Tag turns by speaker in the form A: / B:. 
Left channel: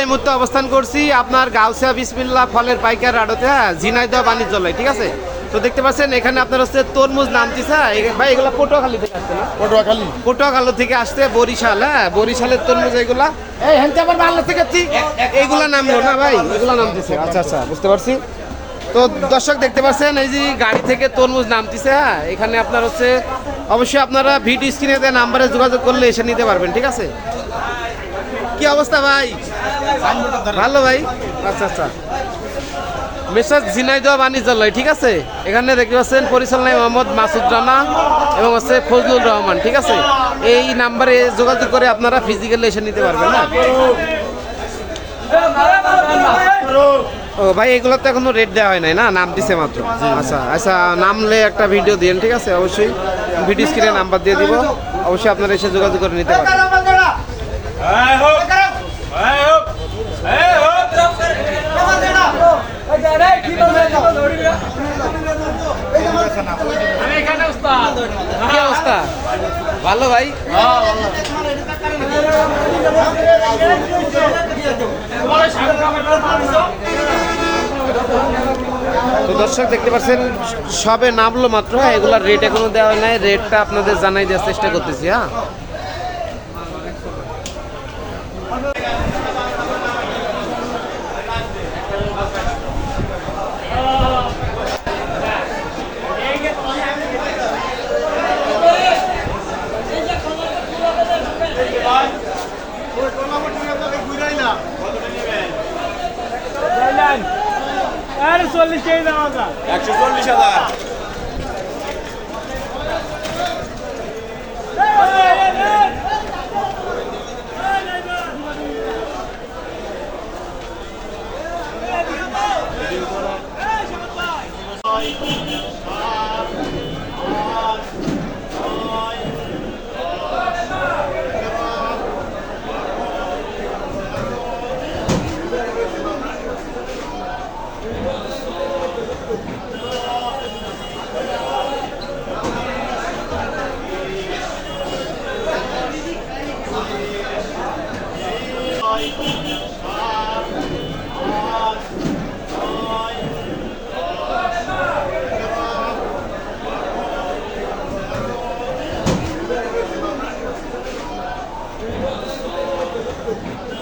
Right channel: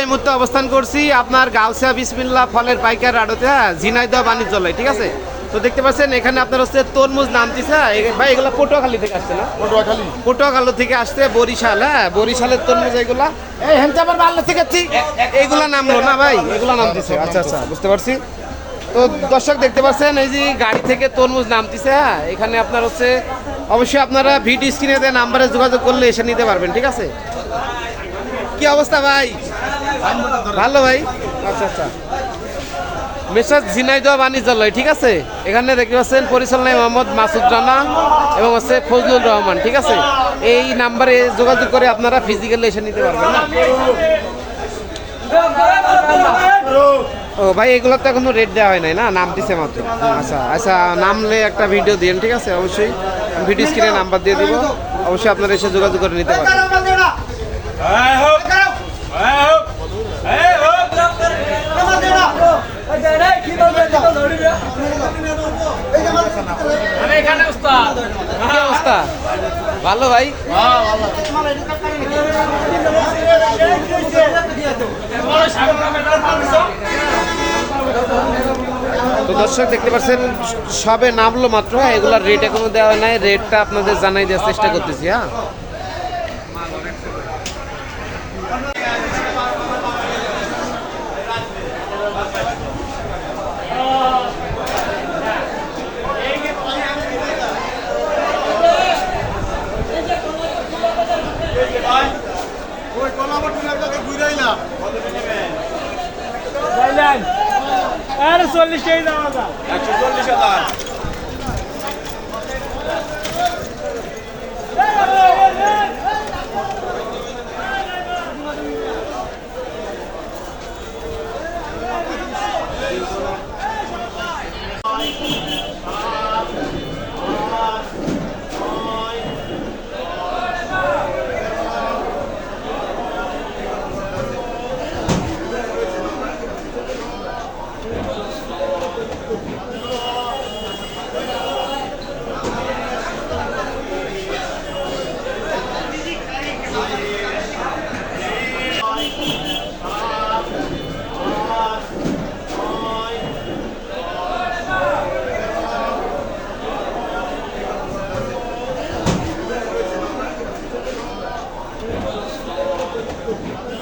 A: এই মুহূর্তে অবস্থান করছি আপনার গাউসিয়া বিসমিল্লা ফলের পাইকার আড়তে হ্যাঁ ঝিনাইদহ বাণিজ্যালয় ঠিক আছে? তো দেখতে পাচ্ছেন এখানে আপনার হচ্ছে তরমুজ নামতিছে হ্যাঁ ভাই এগুলো পটুয়াখালী থেকে আসছে না?
B: পটুয়াখালী।
A: পটুয়াখালী থেকে আসছে বরিশাল হ্যাঁ বরিশালের তরমুজ এগুলা। এই হেনতে আবার বাংলা থেকে এইগুলা নামলো না ভাই এগুলা নামতেছে আচ্ছা আচ্ছা বুঝতে পারছি। তো দর্শক দেখতে পাচ্ছেন এই যে গাড়ি থেকে তরমুজ নামতেছে হ্যাঁ এখানে আপনার হচ্ছে অবশ্যই আপনারা ভিডিও স্ক্রিনে নাম্বারে যোগাযোগ করলে এসে নিতে পারবেন ঠিক আছে? কি অবস্থা ভাই? ভালো ভাই। আচ্ছা আচ্ছা। মেসাজ ঝিনাইদহ বাণিজ্যালয়, ঠিক আছে? এখানে দেখতে পাচ্ছেন পরিচালনায় মোহাম্মদ মাসুদ রানা এবং হচ্ছে ফজলুর রহমান, ঠিক আছে? এই নাম্বারে যোগাযোগ করে আপনারা ফিজিক্যালি এসে নিতে পারবেন না? ও ভাই এগুলো তো এখনও রেট দেওয়া হয় নাই না? নাম দিছে মাত্র। আচ্ছা আচ্ছা নামলে একটা ভিডিও দিন ঠিক আছে? অবশ্যই ভিডিও স্ক্রিনে নাম্বার দিয়ে দিব। অবশ্যই আপনারা এসে যোগাযোগ করে নিতে পারবেন। ভালো ভাই তো দর্শক, দেখতে পাচ্ছেন, সবে নামলো মাত্র হ্যাঁ এগুলার রেট এখনও দেওয়া হয় নাই। রেটটা আপনাদের জানাই দেওয়ার চেষ্টা করতেছি হ্যাঁ।
C: আরে চল্লিশ কেজি দাম
B: একশো চল্লিশ হাজার। Thank you.